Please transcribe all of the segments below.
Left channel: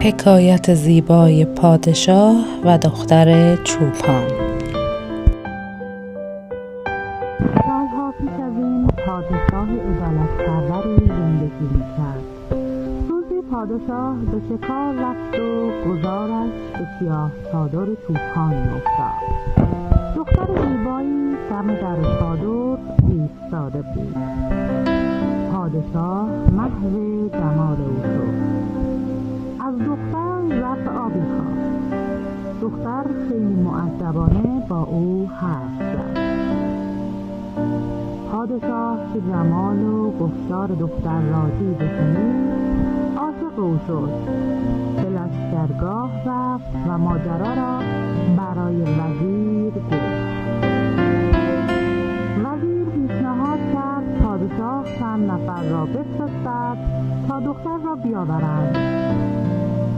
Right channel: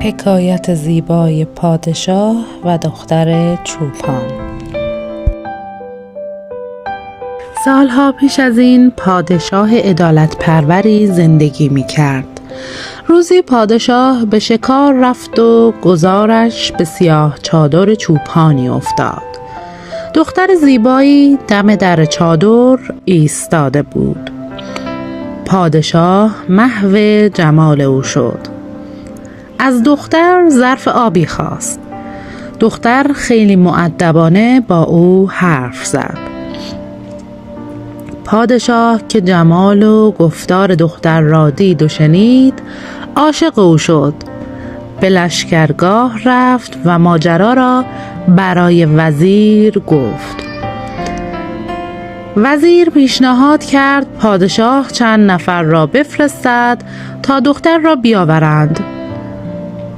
حکایت زیبای پادشاه و دختر چوپان. سالها پیش از این پادشاه عدالت پروری زندگی می کرد. روزی پادشاه به شکار رفت و گذارش به سیاه چادر چوپانی افتاد. دختر زیبایی دم در چادر ایستاده بود. پادشاه محو جمال او شد. از دختر ظرف آبی خواست. دختر خیلی مؤدبانه با او حرف زد. پادشاه که جمال و گفتار دختر را دید و شنید، عاشق او شد. به لشکرگاه رفت و ماجرا را برای وزیر گفت. وزیر پیشنهاد کرد پادشاه چند نفر را بفرستد تا دختر را بیاورند.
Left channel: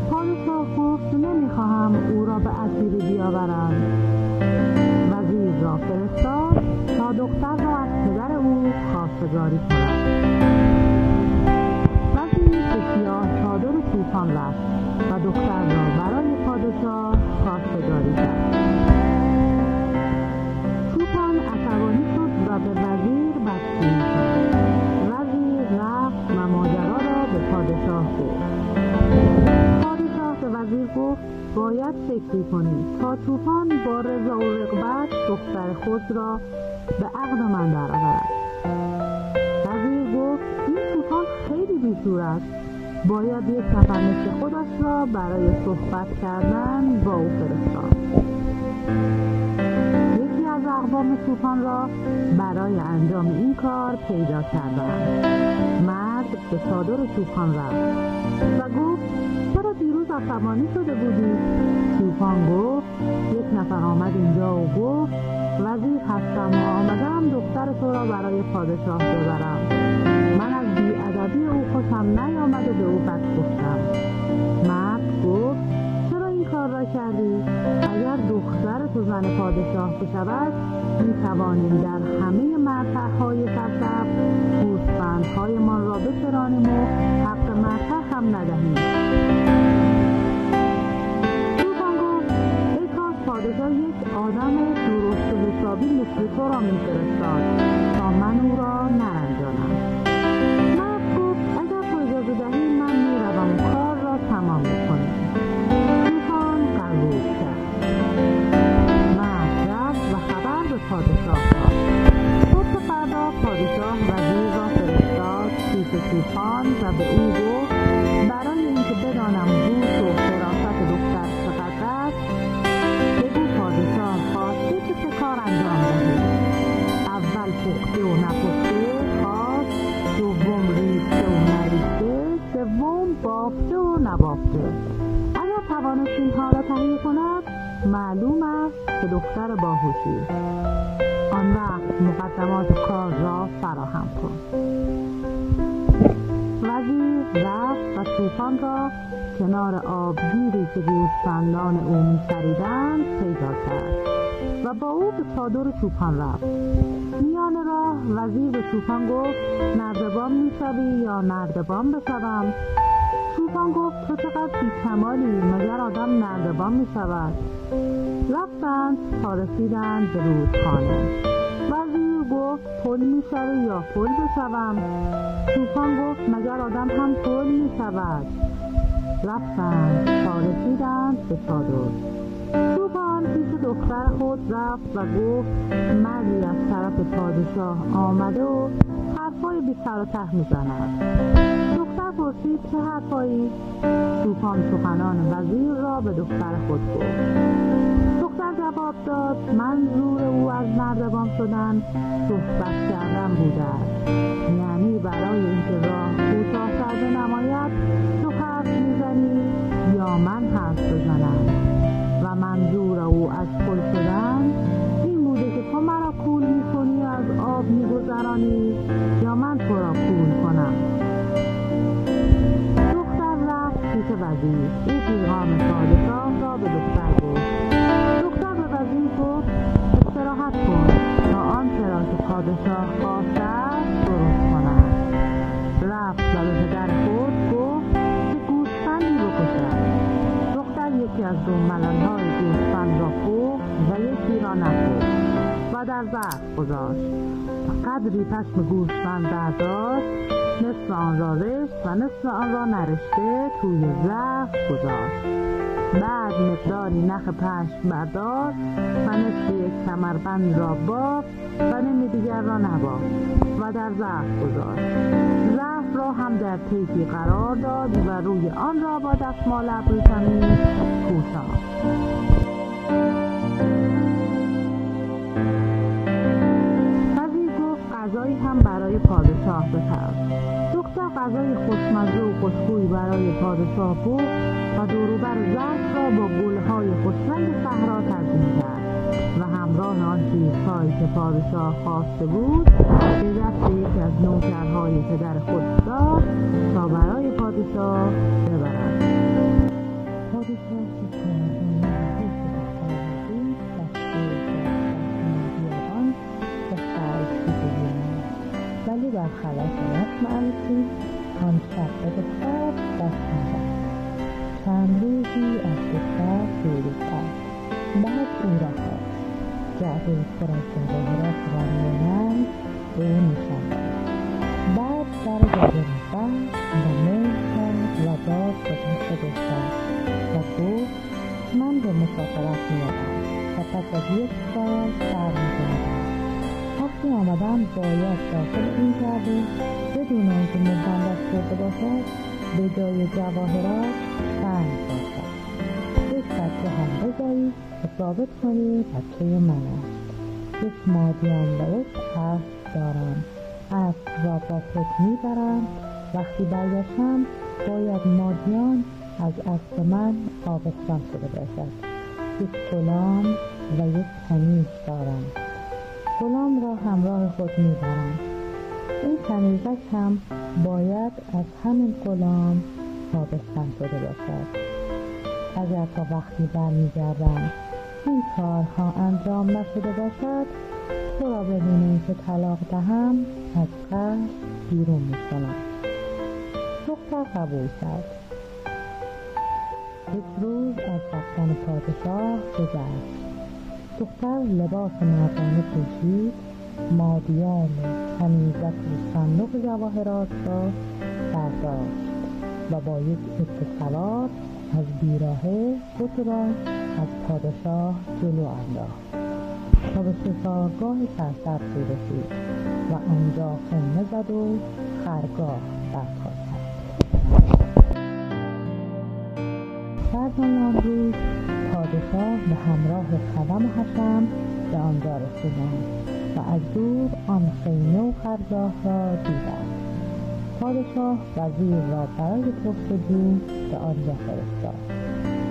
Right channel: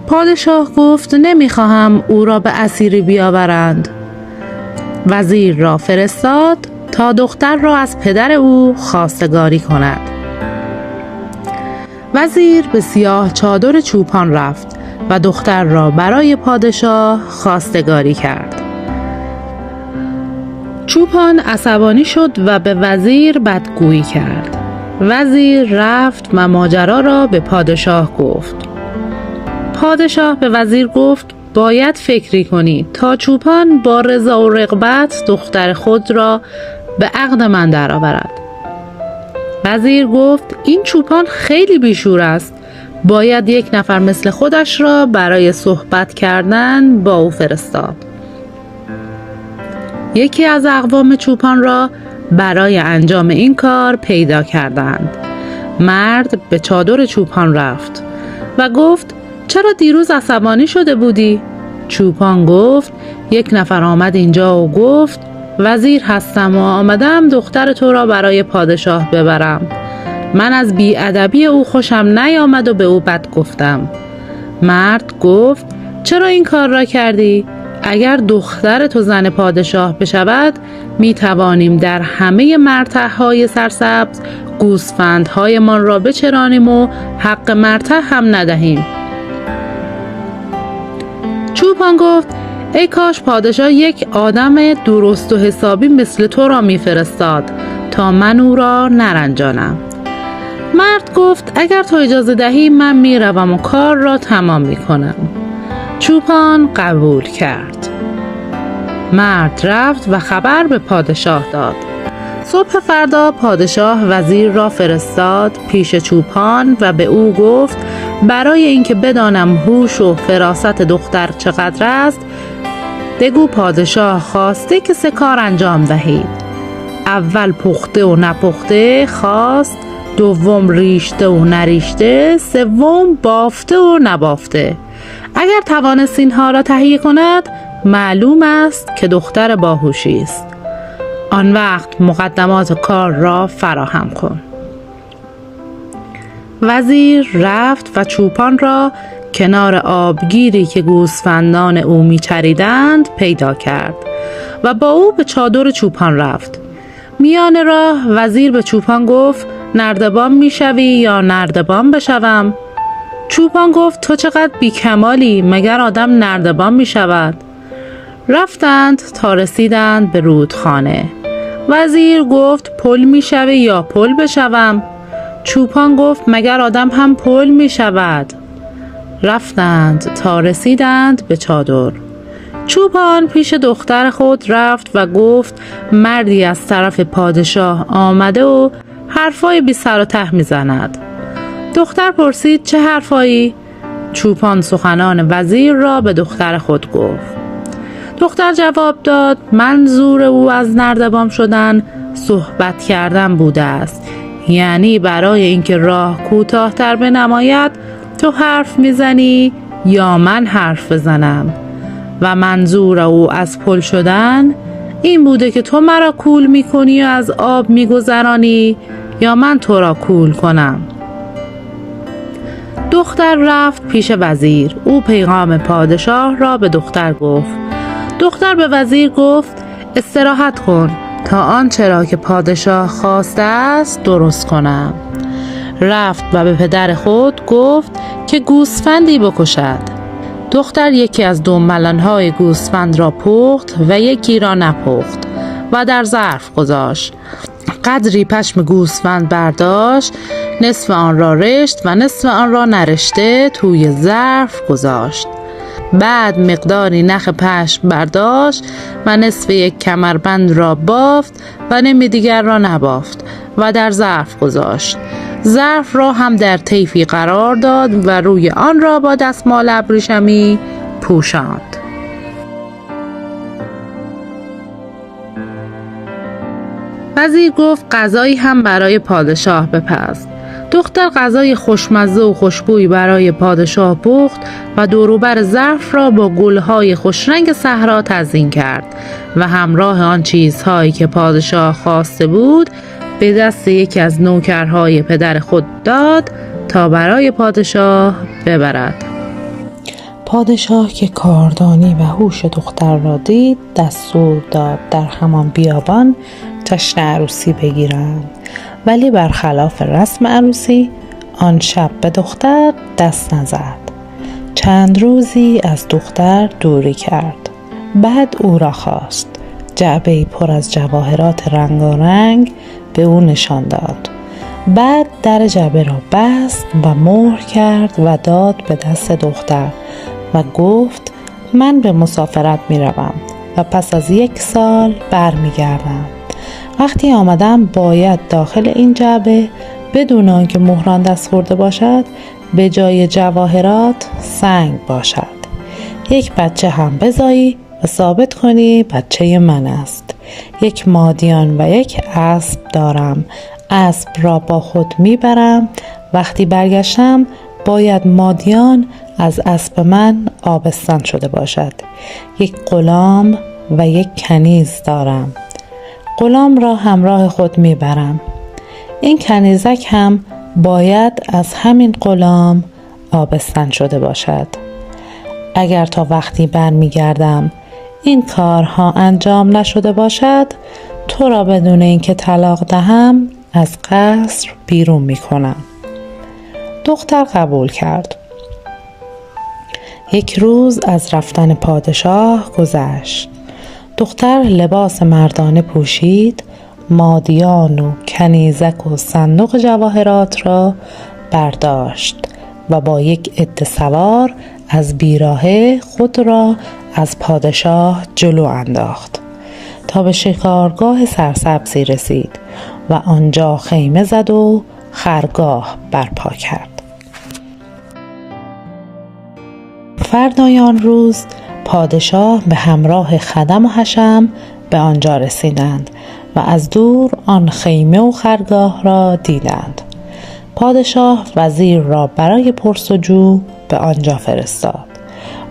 پادشاه گفت نمیخواهم او را به اسیری بیاورند. وزیر را فرستاد تا دختر را از پدر او خواستگاری کند. وزیر به سیاه چادر چوپان رفت و دختر را برای پادشاه خواستگاری کرد. چوپان عصبانی شد و به وزیر بدگویی کرد. وزیر رفت و ماجرا را به پادشاه گفت. پادشاه به وزیر گفت باید فکری کنی تا چوپان با رضا و رغبت دختر خود را به عقد من درآورد. وزیر گفت این چوپان خیلی بیشور است. باید یک نفر مثل خودش را برای صحبت کردن با او فرستاد. یکی از اقوام چوپان را برای انجام این کار پیدا کردند. مرد به چادر چوپان رفت و گفت چرا دیروز عصبانی شده بودی؟ چوپان گفت یک نفر آمد اینجا و گفت وزیر هستم و آمدم دختر تو را برای پادشاه ببرم. من از بی‌ادبی او خوشم نیامد و به او بد گفتم. مرد گفت چرا این کار را کردی؟ اگر دختر تو زن پادشاه بشود می توانیم در همه مرتع‌های سرسبز گوسفندهایمان را بچرانیم و حق مرتع هم ندهیم. چوپان گفت ای کاش پادشاه یک آدم درست و حسابی مثل تو را میفرستاد تا من او را نرنجانم. مرد گفت اگر تو اجازه دهی من میروم و کار را تمام میکنم. چوپان قبول کرد. مرد رفت و خبر به پادشاه داد. صبح فردا پادشاه وزیر را فرستاد پیش چوپان و به او گفت برای اینکه بدانم هوش و فراست دختر چقدر است بگو پادشاه خواسته که 3 کار انجام دهید. اول پخته و نپخته خواست، دوم ریشته و نریشته، سوم بافته و نبافته. اگر توانست اینها را تهیه کند معلوم است که دختر باهوشی است. آن وقت مقدمات کار را فراهم کن. وزیر رفت و چوپان را کنار آبگیری که گوسفندان او میچریدند پیدا کرد و با او به چادر چوپان رفت. میان راه وزیر به چوپان گفت نردبان میشوی یا نردبان بشوم؟ چوپان گفت تو چقدر بیکمالی، مگر آدم نردبان میشود؟ رفتند تا رسیدند به رودخانه. وزیر گفت پل میشوی یا پل بشوم؟ چوپان گفت مگر آدم هم پل می شود؟ رفتند تا رسیدند به چادر. چوپان پیش دختر خود رفت و گفت مردی از طرف پادشاه آمده و حرفای بی سر و ته می زند. دختر پرسید چه حرفایی؟ چوپان سخنان وزیر را به دختر خود گفت. دختر جواب داد منظور او از نردبان شدن صحبت کردن بوده است. یعنی برای اینکه راه کوتاه‌تر بنماید تو حرف میزنی یا من حرف بزنم و منظور او از پل شدن این بوده که تو مرا کول میکنی و از آب میگذرانی یا من تو را کول کنم. دختر رفت پیش وزیر. او پیغام پادشاه را به دختر گفت. دختر به وزیر گفت استراحت کن تا آنچه را که پادشاه خواسته است درست کنم. رفت و به پدر خود گفت که گوسفندی بکشد. دختر یکی از دنبلان‌های گوسفند را پخت و یکی را نپخت و در ظرف گذاشت. قدری پشم گوسفند برداشت، نصف آن را رشت و نصف آن را نرشته توی ظرف گذاشت. بعد مقداری نخ پشم برداشت و نصف یک کمربند را بافت و نیم دیگر را نبافت و در ظرف گذاشت. ظرف را هم در طیفی قرار داد و روی آن را با دستمال ابریشمی پوشاند. وزیر گفت غذایی هم برای پادشاه بپز. دختر غذای خوشمزه و خوشبویی برای پادشاه پخت و دوروبر ظرف را با گلهای خوشرنگ صحرا تزیین کرد و همراه آن چیزهایی که پادشاه خواسته بود به دست یکی از نوکرهای پدر خود داد تا برای پادشاه ببرد. پادشاه که کاردانی و هوش دختر را دید دستور داد در همان بیابان جشن عروسی بگیرند، ولی برخلاف رسم عروسی آن شب به دختر دست نزد. چند روزی از دختر دوری کرد. بعد او را خواست. جعبه‌ای پر از جواهرات رنگارنگ به او نشان داد. بعد در جعبه را بست و مهر کرد و داد به دست دختر و گفت من به مسافرت می روم و پس از 1 سال برمیگردم. وقتی آمدم باید داخل این جعبه بدون آنکه مهران دست خورده باشد به جای جواهرات سنگ باشد. 1 بچه هم بزایی و ثابت کنی بچه من است. 1 مادیان و 1 اسب دارم. اسب را با خود میبرم. وقتی برگشتم باید مادیان از اسب من آبستن شده باشد. 1 غلام و 1 کنیز دارم. غلام را همراه خود میبرم. این کنیزک هم باید از همین غلام آبستن شده باشد. اگر تا وقتی برمیگردم این کارها انجام نشده باشد تو را بدون اینکه طلاق دهم از قصر بیرون میکنم. دختر قبول کرد. 1 روز از رفتن پادشاه گذشت. دختر لباس مردانه پوشید، مادیان و کنیزک و صندوق جواهرات را برداشت و با 1 عده سوار از بیراهه خود را از پادشاه جلو انداخت تا به شکارگاه سرسبزی رسید و آنجا خیمه زد و خرگاه برپا کرد. فردای آن روز پادشاه به همراه خدم و حشم به آنجا رسیدند و از دور آن خیمه و خرگاه را دیدند. پادشاه وزیر را برای پرسجو به آنجا فرستاد.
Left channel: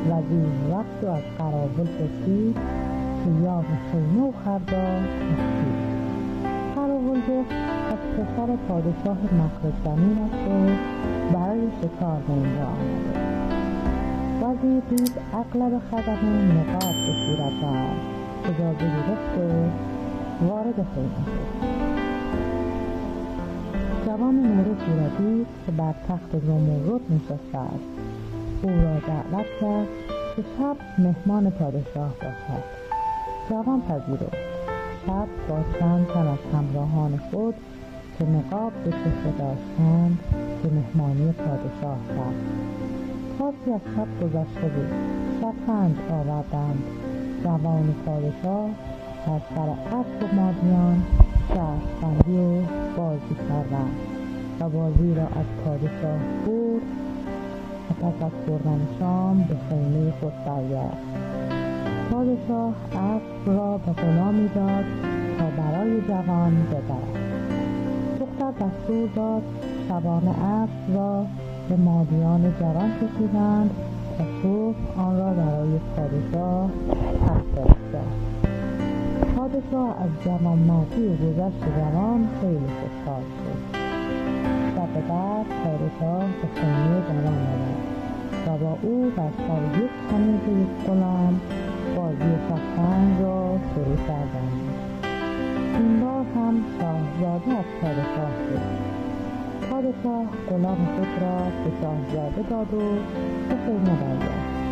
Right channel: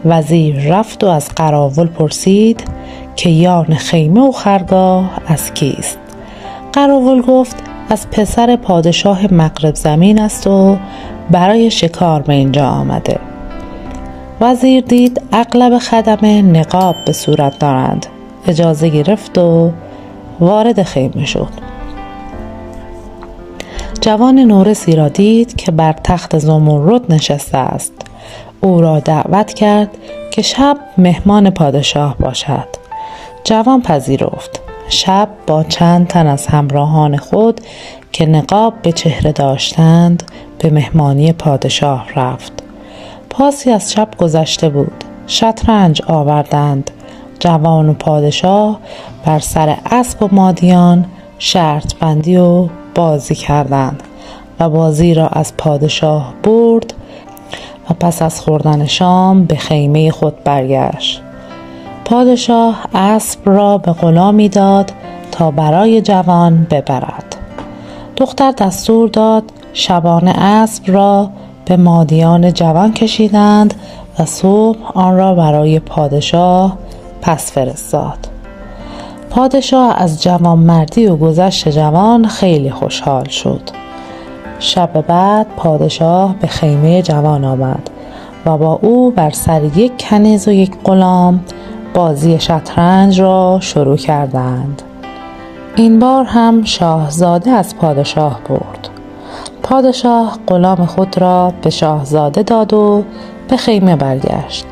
وزیر رفت و از قراول پرسید که یان خیمه و خرگاه از کیست؟ قراول گفت از پسر پادشاه مغرب زمین است و برای شکار به اینجا آمده. وزیر دید اغلب خدمه نقاب به صورت دارند. اجازه گرفت و وارد خیمه شد. جوان نورسی را دید که بر تخت زمرد نشسته است. او را دعوت کرد که شب مهمان پادشاه باشد. جوان پذیرفت. شب با چند تن از همراهان خود که نقاب به چهره داشتند به مهمانی پادشاه رفت. پاسی از شب گذشته بود. شطرنج آوردند. جوان و پادشاه بر سر اسب و مادیان شرط بندی و بازی کردند و بازی را از پادشاه برد و پس از خوردن شام به خیمه خود برگشت. پادشاه اسب را به غلامی داد تا برای جوان ببرد. دختر دستور داد شبانه اسب را به مادیان جوان کشیدند و صبح آن را برای پادشاه پس فرستاد. پادشاه از جوانمردی و گذشت جوان خیلی خوشحال شد. شب بعد پادشاه به خیمه جوان آمد و با او بر سر 1 کنیز و 1 غلام بازی شطرنج را شروع کردند. این بار هم شاهزاده از پادشاه برد. پادشاه غلام خود را به شاهزاده داد و به خیمه برگشت.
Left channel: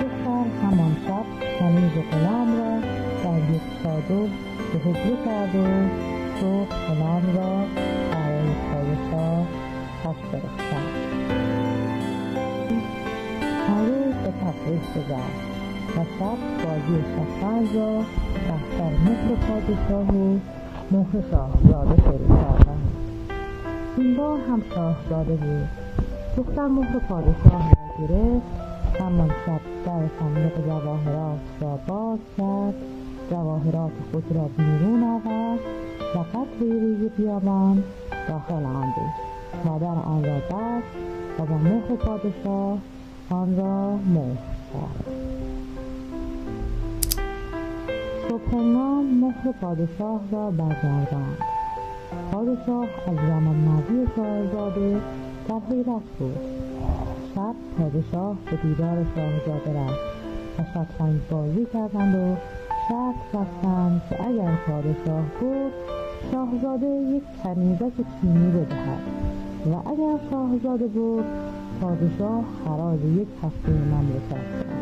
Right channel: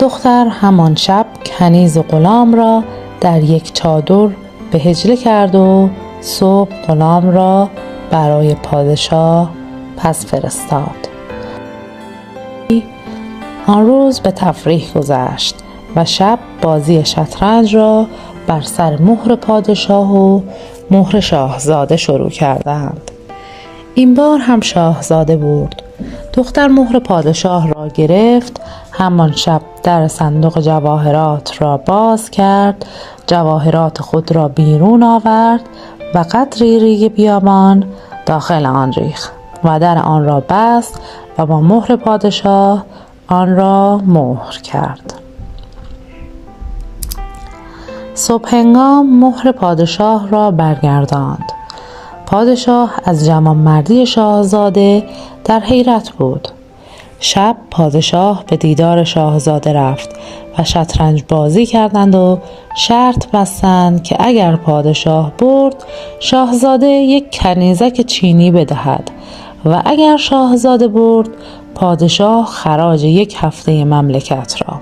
دختر همان شب کنیز غلام را در یک چادر به حجله کرد و صبح غلام را برای پادشاه پس فرستاد. آن روز به تفریح گذشت و شب بازی شطرنج را بر سر مهر پادشاه و مهر شاهزاده شروع کردند. این بار هم شاهزاده برد. دختر مهر پادشاه را گرفت. همان شب در صندوق جواهرات را باز کرد، جواهرات خود را بیرون آورد و قدری ریگ بیابان داخل آن ریخت و در آن را بست و با مهر پادشاه آن را مهر کرد. صبح هنگام مهر پادشاه را برگرداند. پادشاه از جوانمردی شاهزاده در حیرت بود. شب پادشاه به دیدار شاهزاده رفت و شطرنج بازی کردند و شرط بستند که اگر پادشاه برد شاهزاده یک کنیزک چینی بدهد و اگر شاهزاده برد پادشاه خراج یک هفته مملکت را.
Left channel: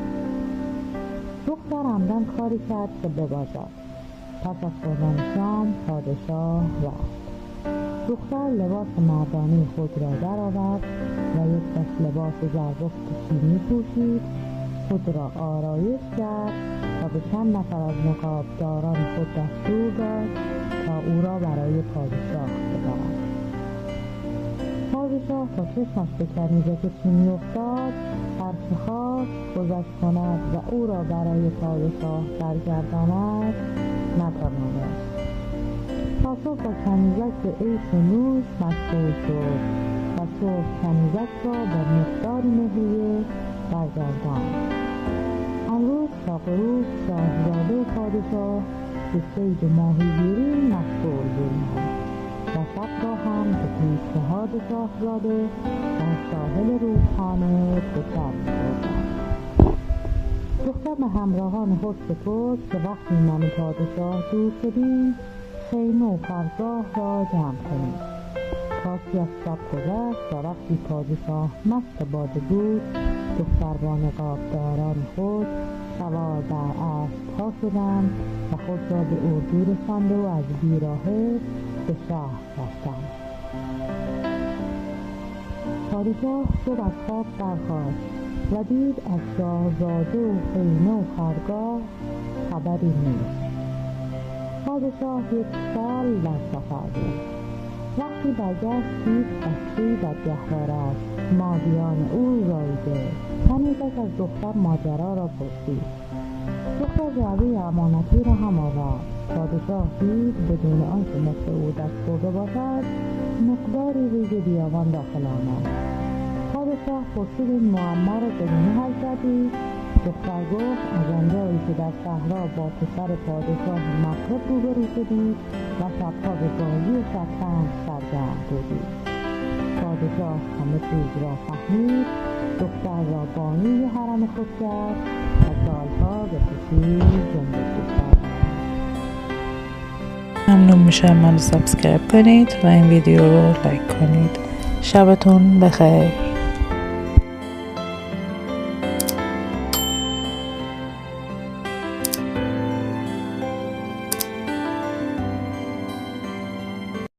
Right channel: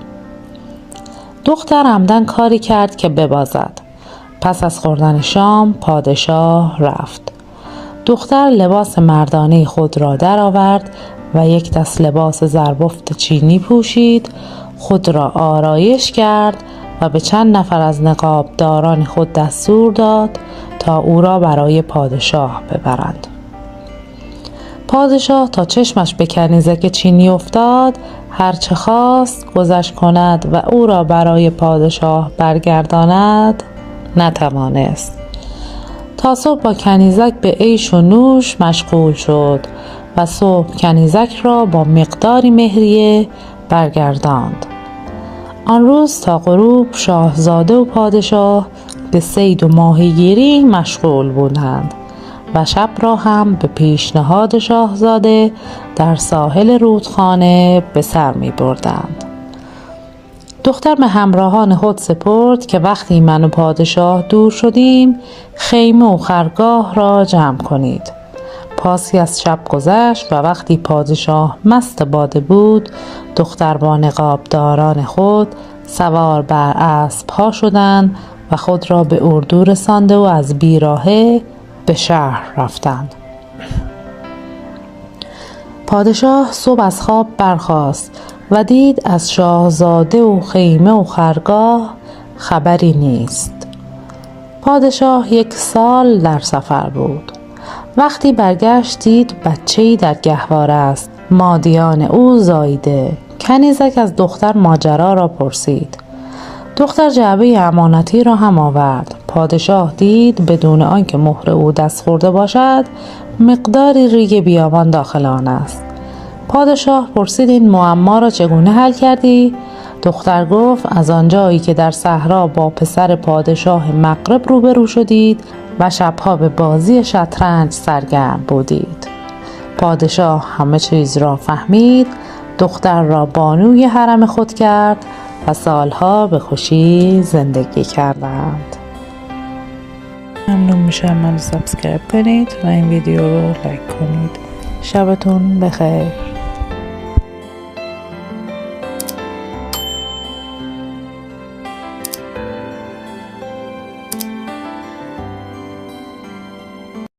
دختر عمدن کاری کرد که ببازد. پس از خوردن شام پادشاه رفت. دختر لباس مردانه خود را درآورد و یک دست لباس زربفت چینی پوشید، خود را آرایش کرد و به چند نفر از نقابداران خود دستور داد تا او را برای پادشاه ببرند. پادشاه تا چشمش به کنیزک چینی افتاد هرچه خواست گذشت کند و او را برای پادشاه برگرداند نتوانست. تا صبح با کنیزک به عیش و نوش مشغول شد و صبح کنیزک را با مقداری مهریه برگرداند. آن روز تا غروب شاهزاده و پادشاه به صید و ماهیگیری مشغول بودند و شب را هم به پیشنهاد شاهزاده در ساحل رودخانه به سر می بردند. دختر به همراهان خود سپرد که وقتی من و پادشاه دور شدیم خیمه و خرگاه را جمع کنید. پاسی از شب گذشت و وقتی پادشاه مست باده بود دختر با نقابداران خود سوار بر اسب‌ها شدند و خود را به اردو رسانده و از بیراهه به شهر رفتند. پادشاه صبح از خواب برخاست و دید از شاهزاده و خیمه و خرگاه خبری نیست. پادشاه 1 سال در سفر بود. وقتی برگشت دید بچه‌ای در گهواره است. مادیان او زاییده. کنیزک از دختر ماجرا را پرسید. دختر جعبه امانتی را هم آورد. پادشاه دید بدون آنکه مهر او دست خورده باشد مقداری ریگ بیابان داخل آن است. پادشاه پرسید این معما را چگونه حل کردی؟ دختر گفت از آنجایی که در صحرا با پسر پادشاه مغرب روبرو شدید و شبها به بازی شطرنج سرگرم بودید. پادشاه همه چیز را فهمید، دختر را بانوی حرم خود کرد و سالها به خوشی زندگی کردند. ممنون میشم منو سابسکرایب کنید و این ویدیو رو لایک کنید. شبتون بخیر.